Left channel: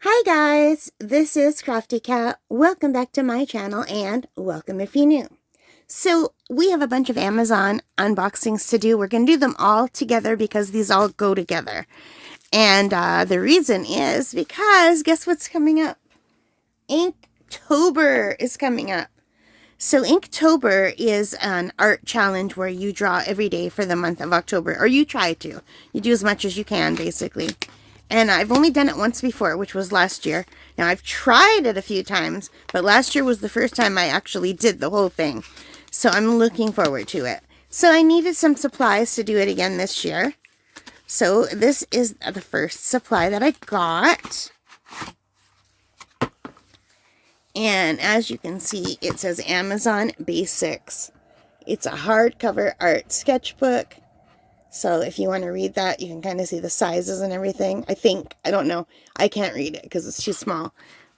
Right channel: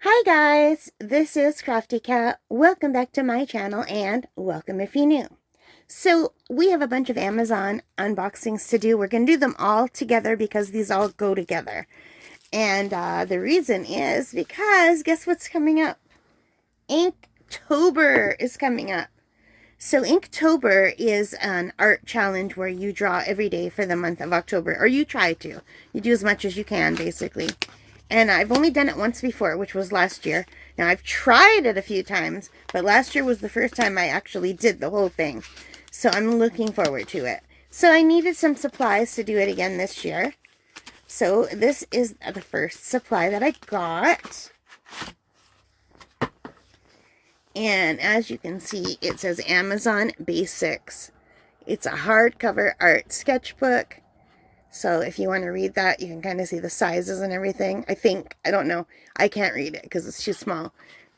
Hi guys, this is Crafty Cat. Welcome back to my channel and welcome if you're new. So we have a bunch of Amazon unboxings to do. We're going to do them all together because these all go together. And the reason is because guess what's coming up? Inktober is coming up. So Inktober is an art challenge where you draw every day for the month of October, or you try to. You do as much as you can, basically. And I've only done it once before, which was last year. Now, I've tried it a few times, but last year was the first time I actually did the whole thing. So I'm looking forward to it. So I needed some supplies to do it again this year. So this is the first supply that I got. And as you can see, it says Amazon Basics. It's a hardcover art sketchbook. So if you want to read that, you can kind of see the sizes and everything. I don't know. I can't read it because it's too small.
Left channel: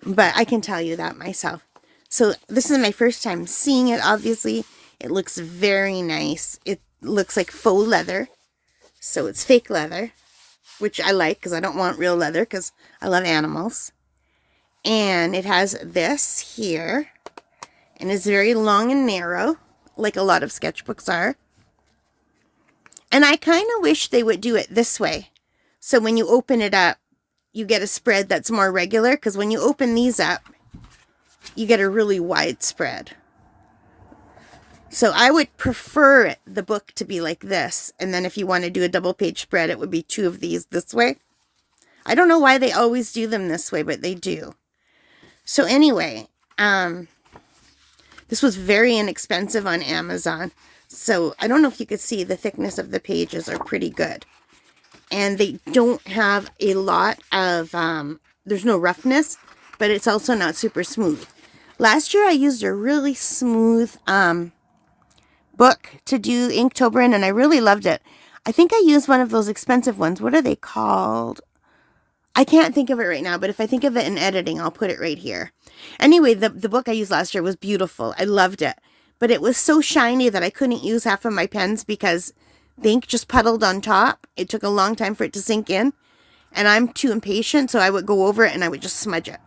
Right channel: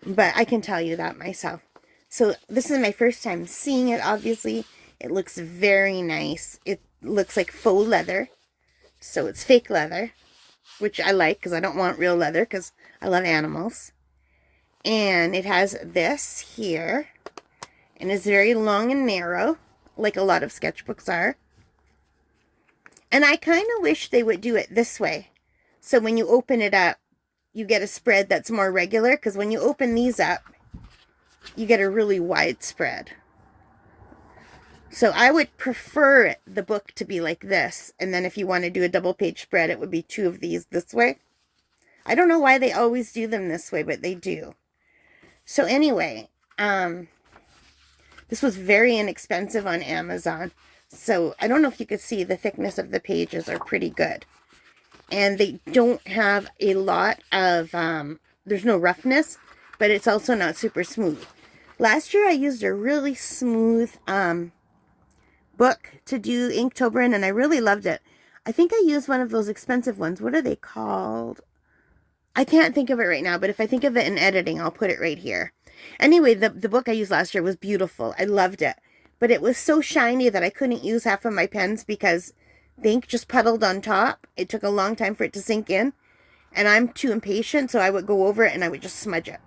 But I can tell you that myself. So this is my first time seeing it, obviously. It looks very nice. It looks like faux leather. So it's fake leather, which I like because I don't want real leather because I love animals. And it has this here. And it's very long and narrow, like a lot of sketchbooks are. And I kind of wish they would do it this way. So when you open it up, you get a spread that's more regular. Because when you open these up, you get a really wide spread. So I would prefer the book to be like this. And then if you want to do a double page spread, it would be two of these this way. I don't know why they always do them this way, but they do. So anyway, this was very inexpensive on Amazon. So I don't know if you could see the thickness of the pages are pretty good. And they don't have a lot of, there's no roughness, but it's also not super smooth. Last year I used a really smooth book to do Inktober in, and I really loved it. I think I used one of those expensive ones. What are they called? I can't think of it right now, but if I think of it in editing, I'll put it right here. Anyway, the book I used last year was beautiful. I loved it. But it was so shiny that I couldn't use half of my pens because the ink just puddled on top. It took a long time for it to sink in. And I'm too impatient, so I would go over it and I would just smudge it.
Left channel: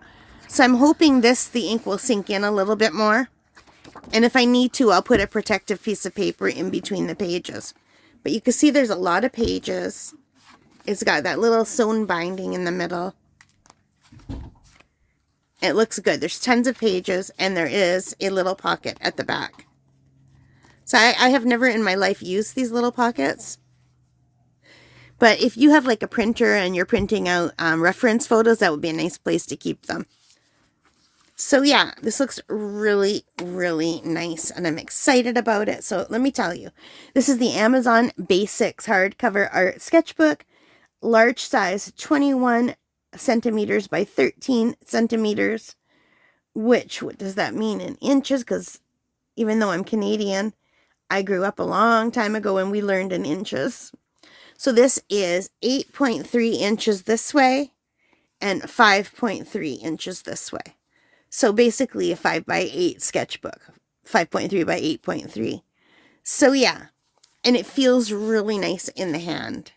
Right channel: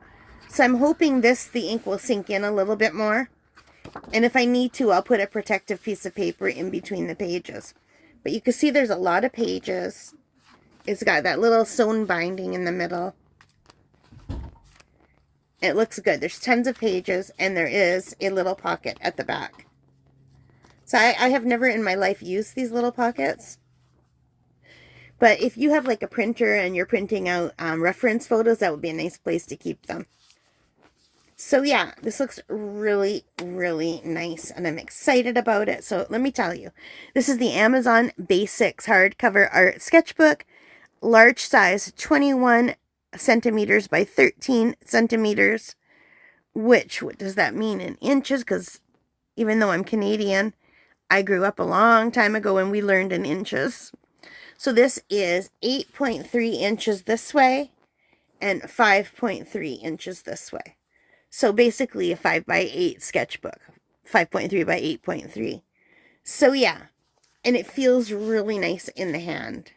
So I'm hoping the ink will sink in a little bit more. And if I need to, I'll put a protective piece of paper in between the pages. But you can see there's a lot of pages. It's got that little sewn binding in the middle. It looks good. There's tons of pages, and there is a little pocket at the back. So I have never in my life used these little pockets. But if you have like a printer and you're printing out reference photos, that would be a nice place to keep them. So yeah, this looks really, really nice, and I'm excited about it. So let me tell you, this is the Amazon Basics hardcover art sketchbook, large size, 21 centimeters by 13 centimeters, which, what does that mean in inches? Because even though I'm Canadian, I grew up a long time ago and we learned in inches. So this is 8.3 inches this way and 5.3 inches this way. So basically a 5 by 8 sketchbook, 5.3 by 8.3. So yeah, and it feels really nice in the hand.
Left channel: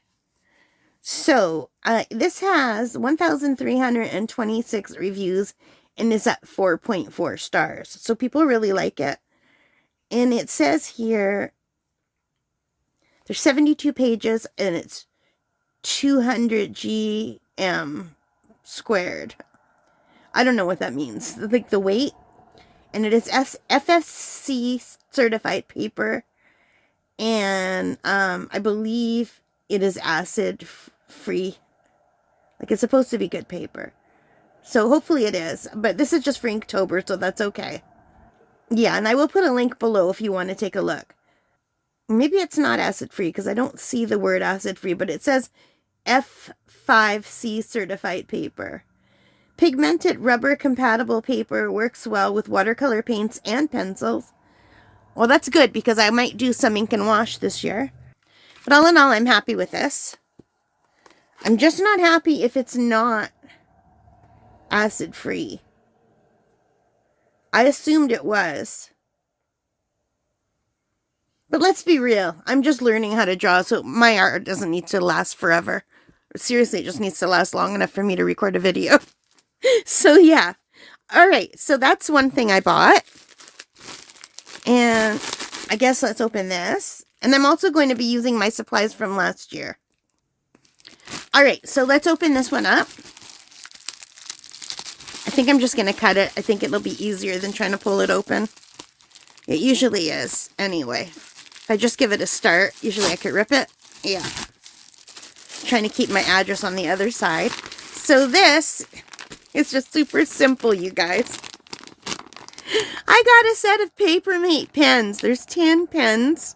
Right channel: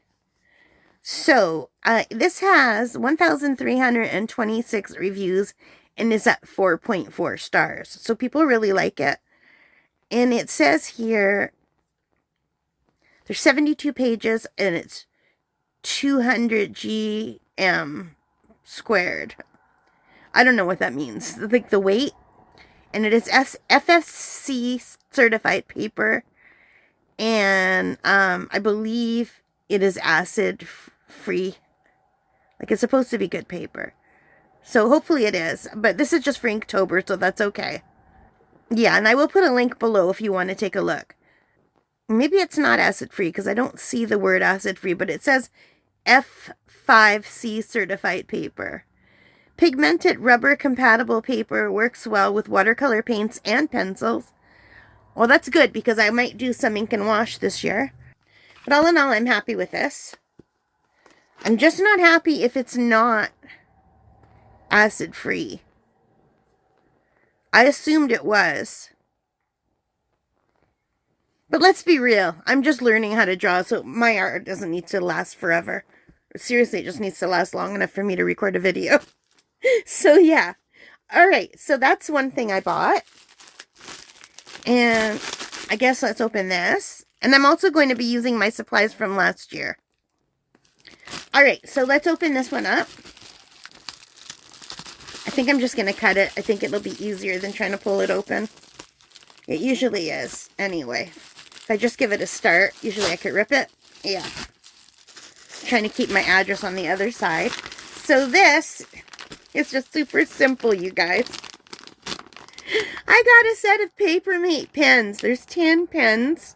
So, this has 1,326 reviews and is at 4.4 stars. So, people really like it. And it says here, there's 72 pages and it's 200 GM squared. I don't know what that means. Like the weight. And it is FSC certified paper. And I believe it is acid free. Like, it's supposed to be good paper. So hopefully it is. But this is just for Inktober, so that's okay. Yeah, and I will put a link below if you want to take a look. Maybe it's not acid free because I don't see the word acid free, but it says F5C certified paper. Pigmented rubber compatible paper works well with watercolor paints and pencils. Well, that's good because I might do some ink and wash this year. But all in all, I'm happy with this. I'm just not happy if it's not acid-free. I assumed it was. But let's be real. I'm just learning how to draw, so my art doesn't need to last forever. Seriously, it just needs to last long enough for me to record a video. So yeah. All right. So that's one thing I bought. And I guess let's open this. And I'm also going to be using my supplies from last year. All right. So let's open this one up. I think I'm just going to cut it. I think it'll be easier than trying to pull it open. It usually is, anyway. If I just give it a start, usually I could rip it. Yeah. Trying to keep my address on the other side. So this is just super simple, you guys. I got a set of Papermate pens. There's 10 pens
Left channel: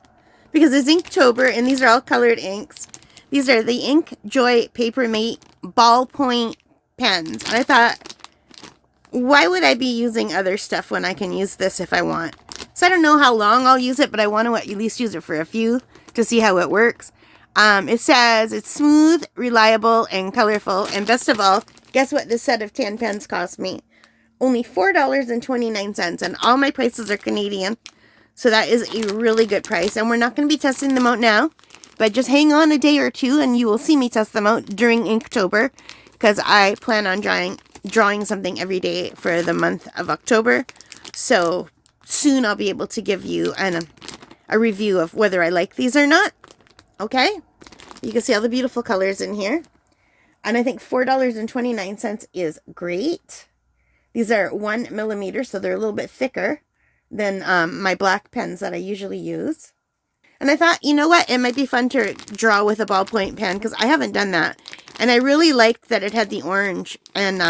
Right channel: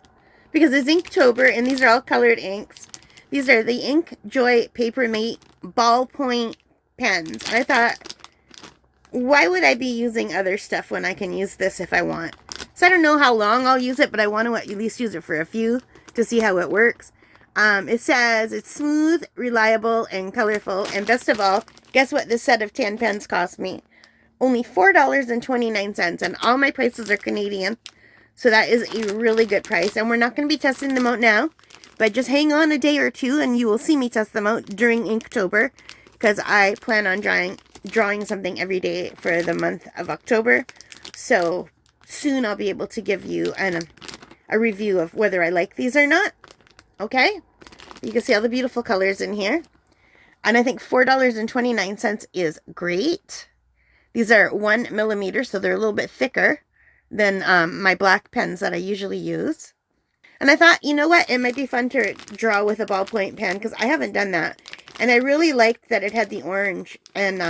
because it's Inktober, and these are all colored inks. These are the Inkjoy Papermate ballpoint pens. And I thought, why would I be using other stuff when I can use this if I want? So I don't know how long I'll use it, but I want to at least use it for a few to see how it works. It says it's smooth, reliable, and colorful. And best of all, guess what this set of 10 pens cost me? Only $4.29, and all my prices are Canadian. So that is a really good price. And we're not going to be testing them out now, but just hang on a day or two and you will see me test them out during Inktober, because I plan on drawing something every day for the month of October. So soon I'll be able to give you a review of whether I like these or not. Okay? You can see all the beautiful colors in here. And I think $4.29 is great. These are 1 millimeter, so they're a little bit thicker than my black pens that I usually use. And I thought, you know what? It might be fun to draw with a ballpoint pen, because I haven't done that. And I really liked that it had the orange. And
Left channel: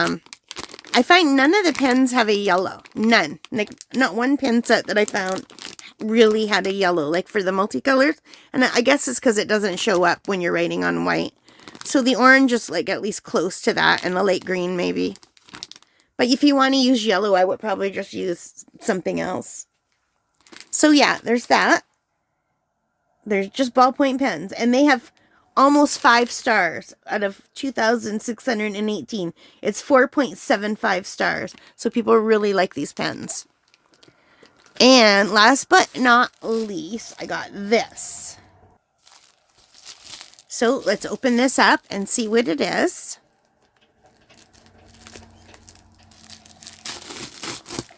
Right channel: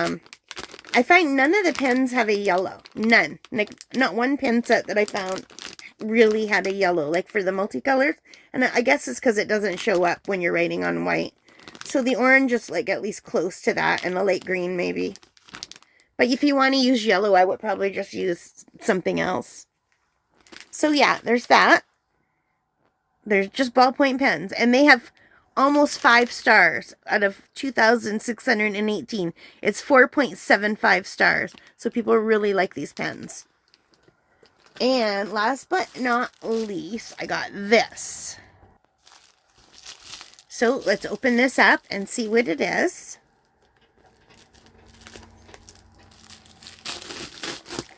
I find none of the pens have a yellow. None. Like, not one pen set that I found really had a yellow, like for the multicolors. And I guess it's because it doesn't show up when you're writing on white. So the orange is like at least close to that, and the light green maybe. But if you want to use yellow, I would probably just use something else. So yeah, there's that. There's just ballpoint pens. And they have almost 5 stars out of 2,618. It's 4.75 stars. So people really like these pens. And last but not least, I got this. So let's open this up and see what it is.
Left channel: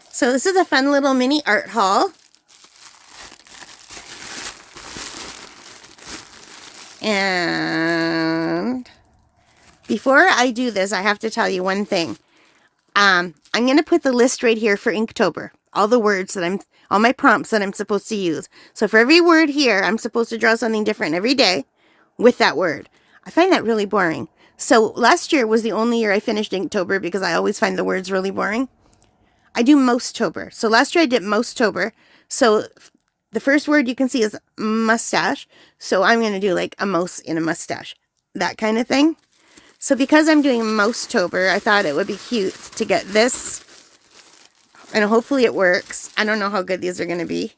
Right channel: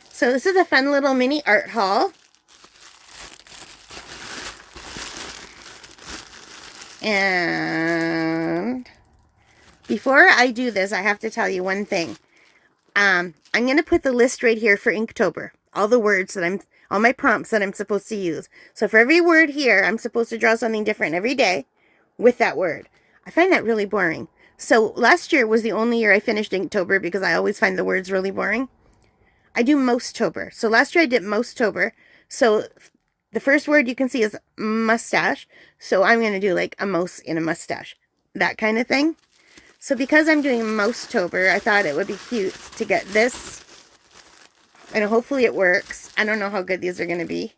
So this is a fun little mini art haul. And before I do this, I have to tell you one thing. I'm going to put the list right here for Inktober. All the words that all my prompts that I'm supposed to use. So for every word here, I'm supposed to draw something different every day with that word. I find that really boring. So last year was the only year I finished Inktober because I always find the words really boring. I do MOUSE-tober. So last year I did MOUSE-tober. So the first word you can see is mustache. So I'm going to do like a mouse in a mustache. That kind of thing. So because I'm doing MOUSE-tober, I thought it would be cute to get this. And hopefully it works. I don't know how good these are going to be.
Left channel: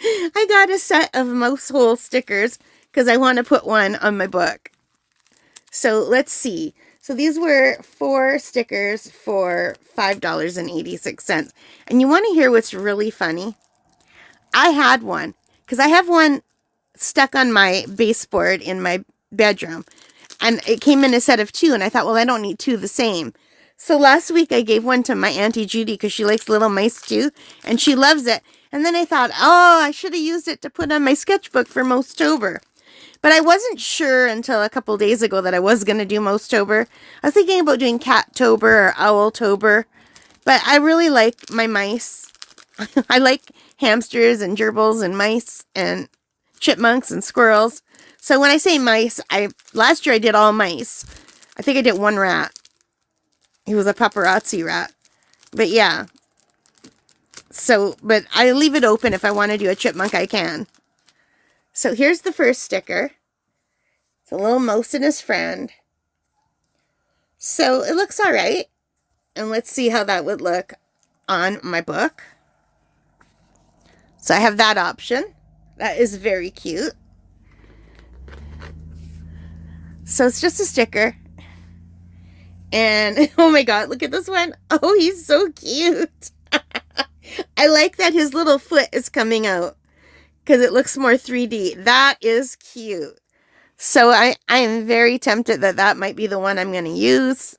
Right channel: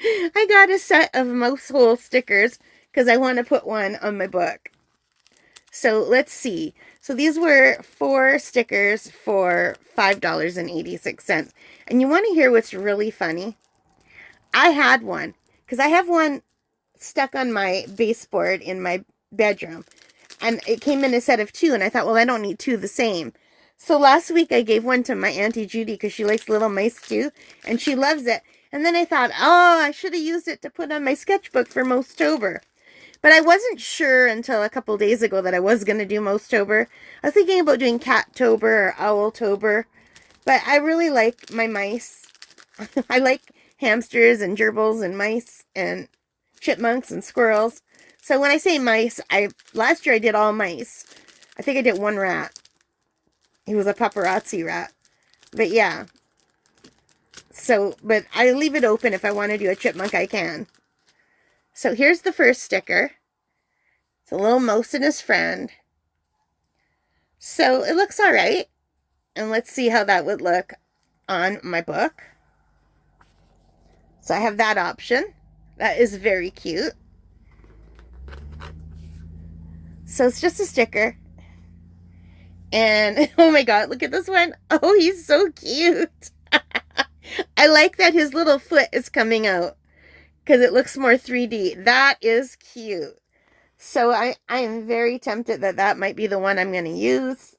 I got a set of mousehole stickers because I want to put one on my book. So let's see. So these were 4 stickers for $5.86. And you want to hear what's really funny? I had one because I have one stuck on my baseboard in my bedroom. And it came in a set of 2. And I thought, well, I don't need 2 the same. So last week I gave one to my Auntie Judy because she likes little mice too. And she loves it. And then I thought, oh, I should have used it to put on my sketchbook for MOUSE-tober. But I wasn't sure until a couple days ago that I was going to do MOUSE-tober. I was thinking about doing Cat-tober or Owl-tober. But I really like my mice. I like hamsters and gerbils and mice and chipmunks and squirrels. So when I say mice, last year I did all mice. I think I did 1 rat. He was a paparazzi rat. But yeah. So, but I leave it open. If I want to do a chipmunk, I can. So here's the first sticker. It's a little mouse and his friend. So it looks all right. And let's see how that would look on my book. So I have that option. That is very cute. So it's just a sticker. And oh my God, look at this one. Oh, he's so cute. I like that his little foot is coming out because it looks more 3D. That is cute. So I am very tempted that might be the one I'm going to use.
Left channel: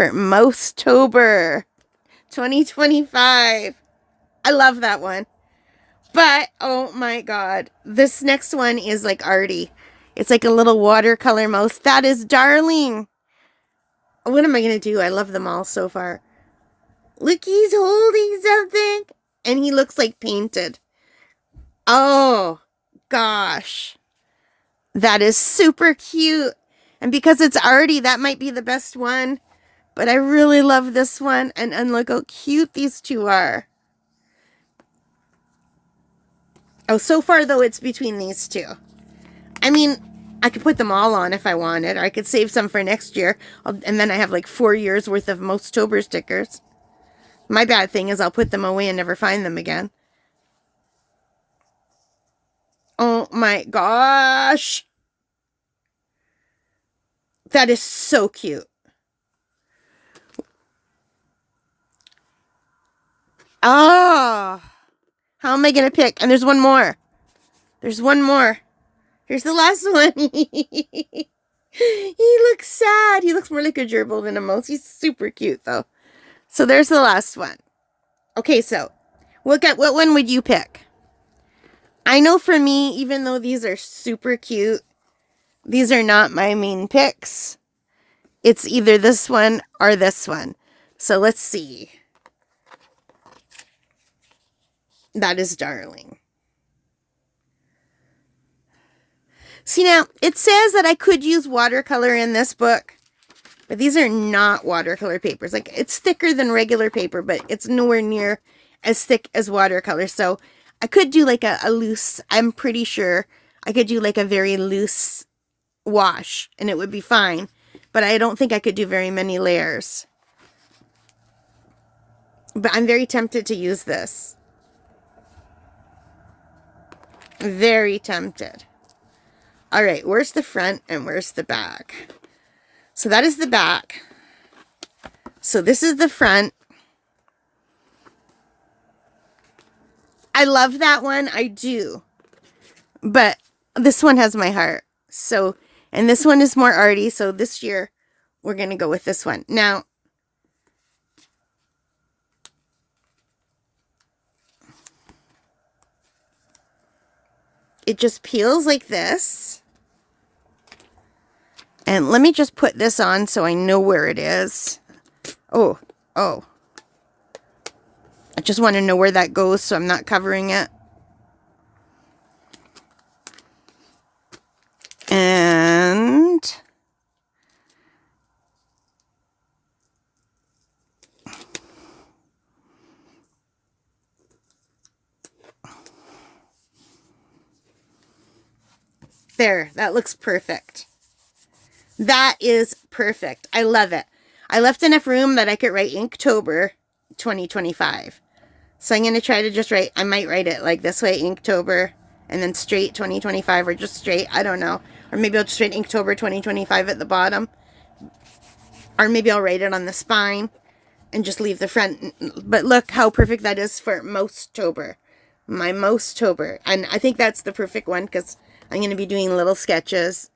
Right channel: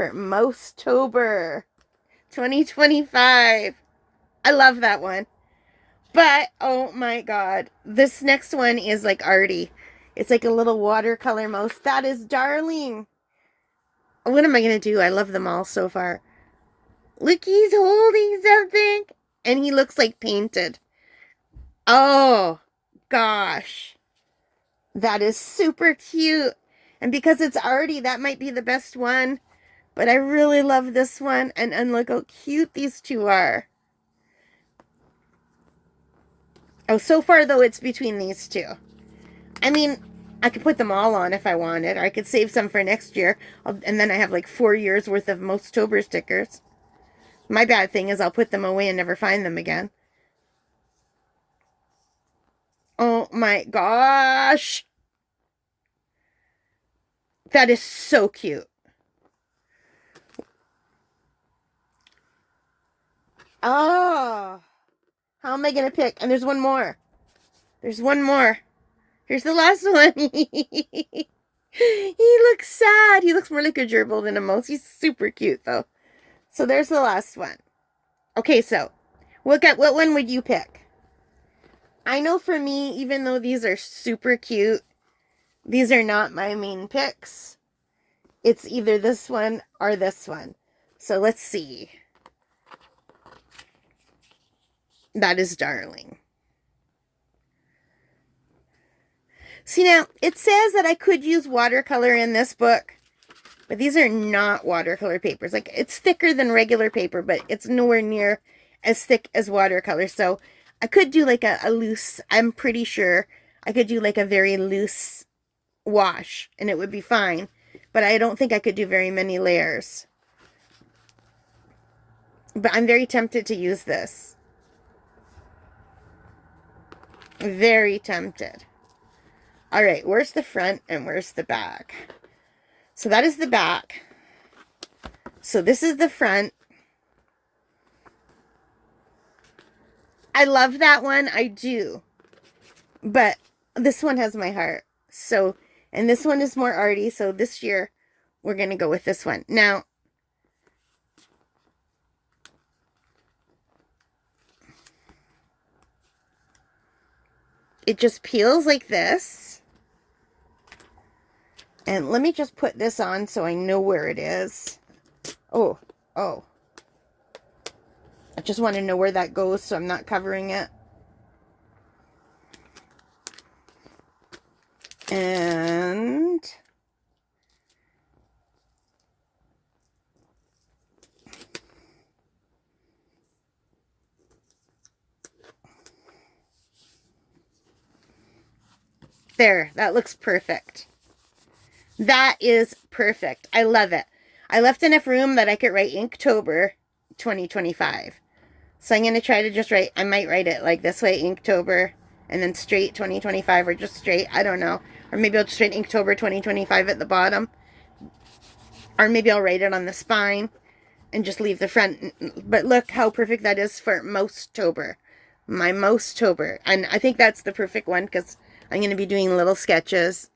for MOUSE-tober 2025. I love that one. But, oh my god, this next one is like arty. It's like a little watercolor mouse. That is darling. What am I going to do? I love them all so far. Look, he's holding something. And he looks like painted. Oh, gosh. That is super cute. And because it's arty, that might be the best one. But I really love this one. And look how cute these two are. Oh, so far, though, it's between these two. I mean, I could put them all on if I wanted. Or I could save some for next year. And then I have like 4 years worth of MOUSE-tober stickers. My bad thing is I'll put them away and never find them again. Oh my gosh. That is so cute. Ah. How am I going to pick? And there's one more. There's one more. Here's the last one. He looks sad. He looks more like a gerbil than a mouse. He's super cute, though. So there's the last one. Okay, so what one would you pick? I know for me, even though these are super cute, these are not my main picks. It's either this one or this one. So let's see. That is darling. See now, it says that I could use watercolor in this book, but these are not watercolor papers. Like, it's thicker than regular paper, but it's nowhere near as thick as watercolor. So I could do like a loose, I'm pretty sure I could do like a very loose wash and it would be fine. But I don't think I could do very many layers. But I'm very tempted to use this. Very tempted. All right, where's the front and where's the back? So that is the back. So this is the front. I love that one. I do. But this one has my heart. So, and this one is more arty. So this year, we're going to go with this one. Now, it just peels like this. And let me just put this on so I know where it is. Oh. I just want to know where that goes so I'm not covering it. And there, that looks perfect. That is perfect. I love it. I left enough room that I could write Inktober 2025. So I'm going to try to just write, I might write it like this way, Inktober, and then straight 2025, or just straight, I don't know. Or maybe I'll just write Inktober 2025 at the bottom. Or maybe I'll write it on the spine and just leave the front. But look how perfect that is for MOUSE-tober. My MOUSE-tober. And I think that's the perfect one because I'm going to be doing little sketches.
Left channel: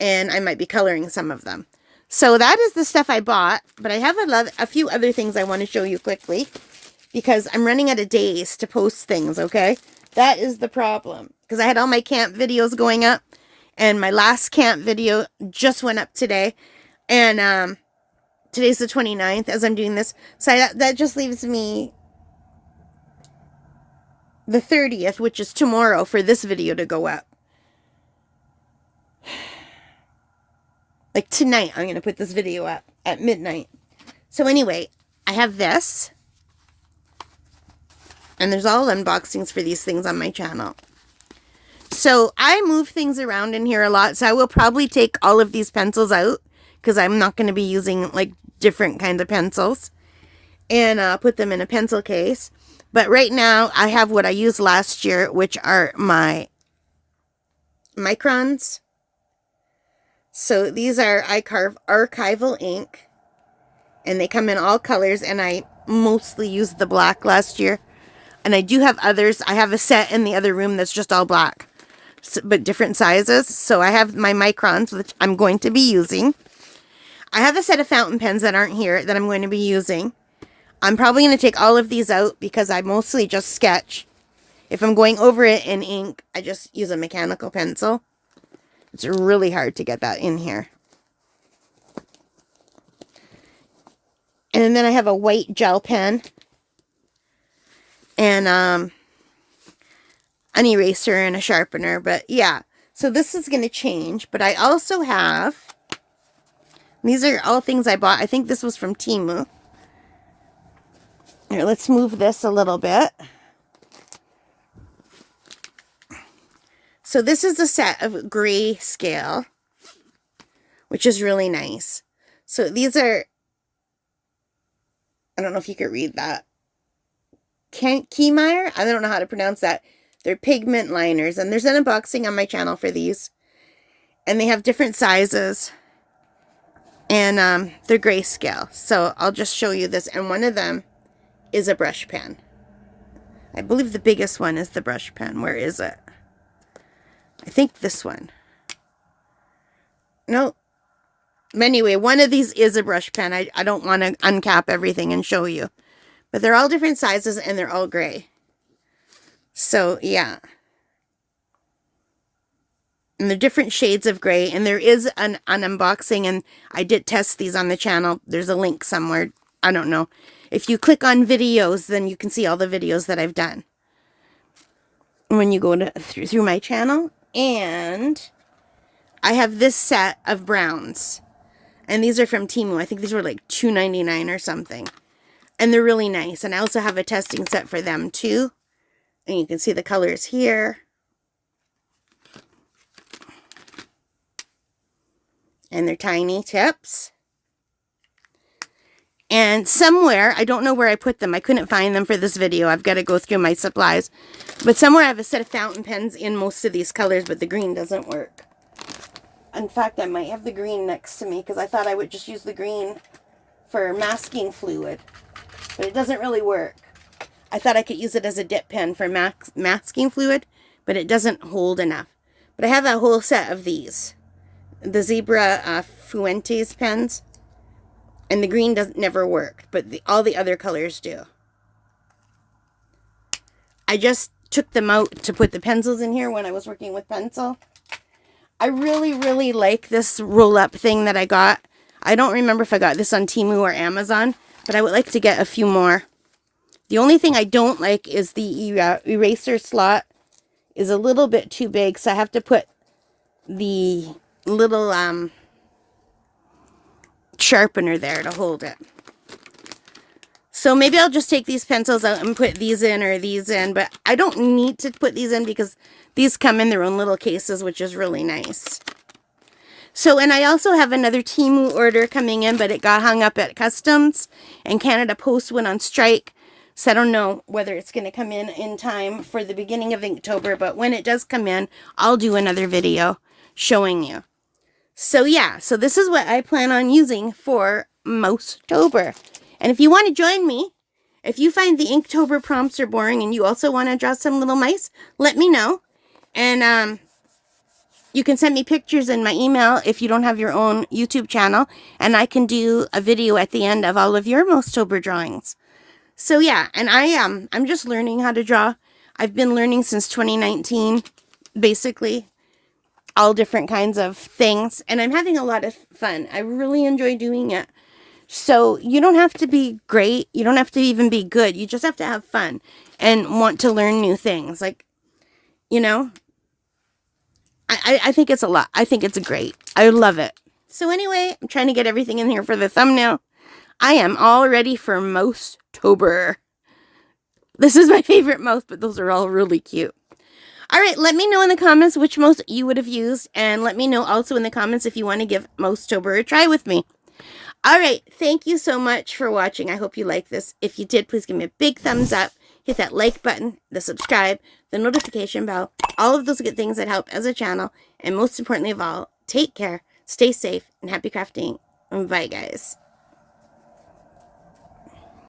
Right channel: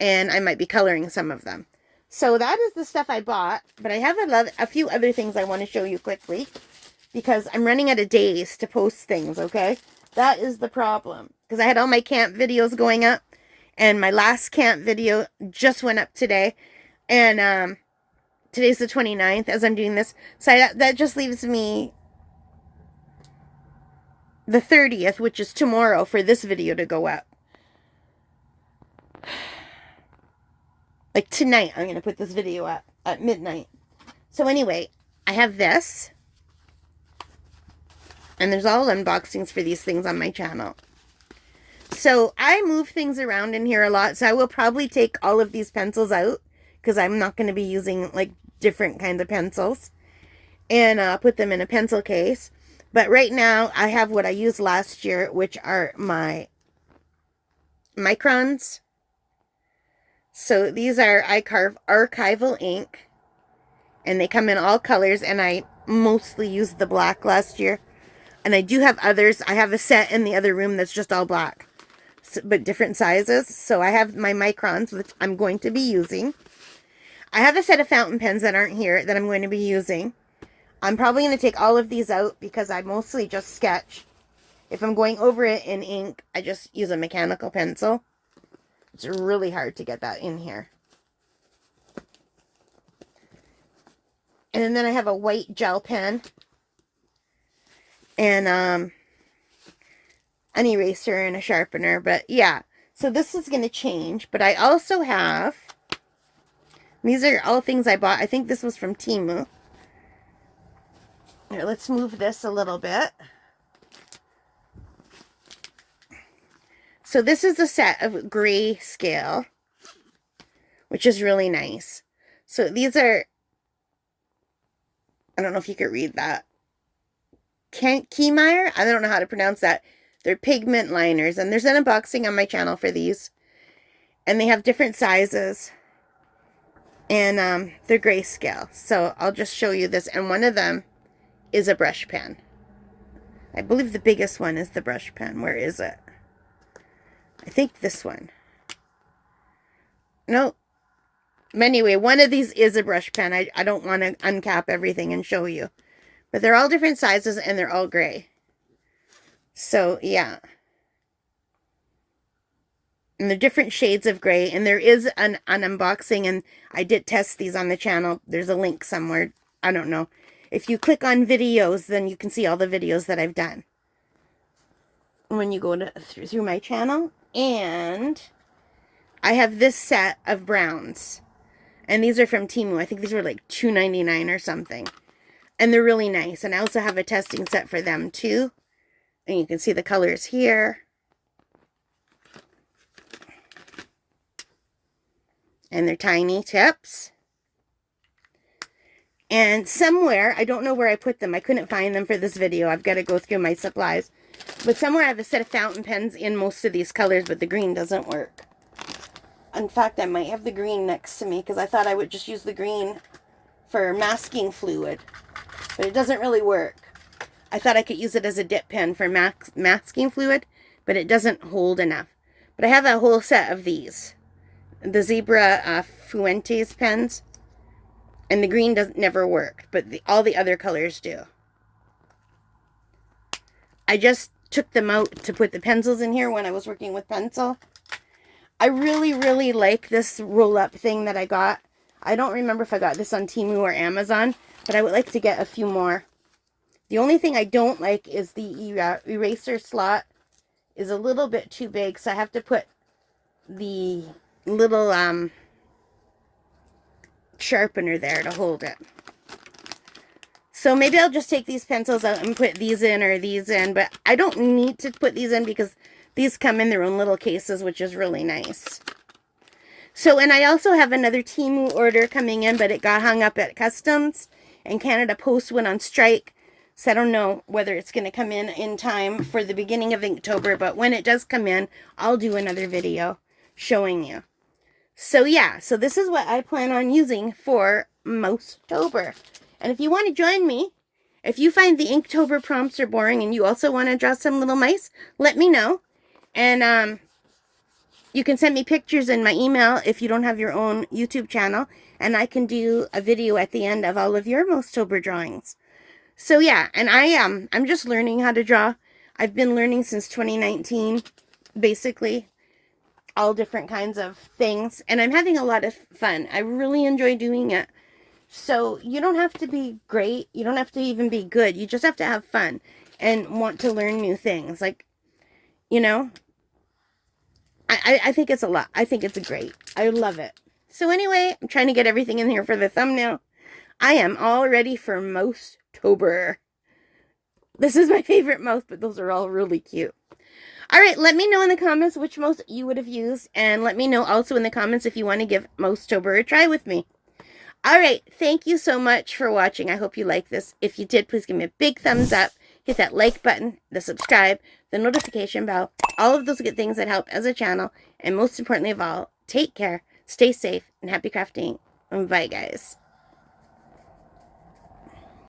And I might be coloring some of them. So that is the stuff I bought. But I have a few other things I want to show you quickly. Because I'm running out of days to post things, okay? That is the problem. Because I had all my camp videos going up. And my last camp video just went up today. And today's the 29th as I'm doing this. So that just leaves me the 30th, which is tomorrow, for this video to go up. Like tonight, I'm going to put this video up at midnight. So anyway, I have this. And there's all unboxings for these things on my channel. So I move things around in here a lot. So I will probably take all of these pencils out. Because I'm not going to be using like different kinds of pencils. And put them in a pencil case. But right now, I have what I used last year, which are my microns. So these are I Carve Archival ink. And they come in all colors. And I mostly used the black last year. And I do have others. I have a set in the other room that's just all black. But different sizes. So I have my microns, which I'm going to be using. I have a set of fountain pens that aren't here that I'm going to be using. I'm probably going to take all of these out because I mostly just sketch. If I'm going over it in ink, I just use a mechanical pencil. It's really hard to get that in here. And then I have a white gel pen. And an eraser and a sharpener. But yeah, so this is going to change. But I also have, these are all things I bought. I think this was from Temu. Here, let's move this a little bit. So this is a set of gray scale, which is really nice. So these are, I don't know if you could read that. Keymeyer? I don't know how to pronounce that. They're pigment liners, and there's an unboxing on my channel for these. And they have different sizes. And they're grayscale. So I'll just show you this. And one of them is a brush pen. I believe the biggest one is the brush pen. Where is it? I think this one. No. Anyway, one of these is a brush pen. I don't want to uncap everything and show you. But they're all different sizes and they're all gray. So, yeah. And they're different shades of gray. And there is an unboxing, and I did test these on the channel. There's a link somewhere. I don't know. If you click on videos, then you can see all the videos that I've done when you go through my channel. And I have this set of browns. And these are from Temu. I think these were like $2.99 or something. And they're really nice. And I also have a testing set for them too. And you can see the colors here. And they're tiny tips. And somewhere, I don't know where I put them. I couldn't find them for this video. I've got to go through my supplies. But somewhere I have a set of fountain pens in most of these colors, but the green doesn't work. In fact, I might have the green next to me because I thought I would just use the green for masking fluid. But it doesn't really work. I thought I could use it as a dip pen for masking fluid, but it doesn't hold enough. But I have a whole set of these. The Zebra Fuentes pens. And the green doesn't never work, but all the other colors do. I just took them out to put the pencils in here when I was working with pencil. I really, really like this roll-up thing that I got. I don't remember if I got this on Temu or Amazon, but I would like to get a few more. The only thing I don't like is the eraser slot is a little bit too big, so I have to put the little sharpener there to hold it. So maybe I'll just take these pencils out and put these in or these in, but I don't need to put these in because these come in their own little cases, which is really nice. So, and I also have another Temu order coming in, but it got hung up at customs and Canada Post went on strike. So I don't know whether it's going to come in time for the beginning of Inktober, but when it does come in, I'll do another video showing you. So yeah, so this is what I plan on using for MOUSE-tober. And if you want to join me, if you find the Inktober prompts are boring and you also want to draw some little mice, let me know. And you can send me pictures in my email if you don't have your own YouTube channel, and I can do a video at the end of all of your MOUSE-tober drawings. So yeah, and I'm just learning how to draw. I've been learning since 2019, basically. All different kinds of things, and I'm having a lot of fun. I really enjoy doing it. So you don't have to be great. You don't have to even be good. You just have to have fun and want to learn new things. Like, you know, I think it's a lot. I think it's great. I love it. So anyway, I'm trying to get everything in here for the thumbnail. I am all ready for MOUSE-tober. This is my favorite mouse, but those are all really cute. All right, let me know in the comments which mouse you would have used, and let me know also in the comments if you want to give MOUSE-tober a try with me. All right, thank you so much for watching. I hope you like this. If you did, please give me a big thumbs up. Hit that like button, the subscribe, the notification bell, all of those good things that help as a channel. And most importantly of all, take care, stay safe, and happy crafting. Bye, guys.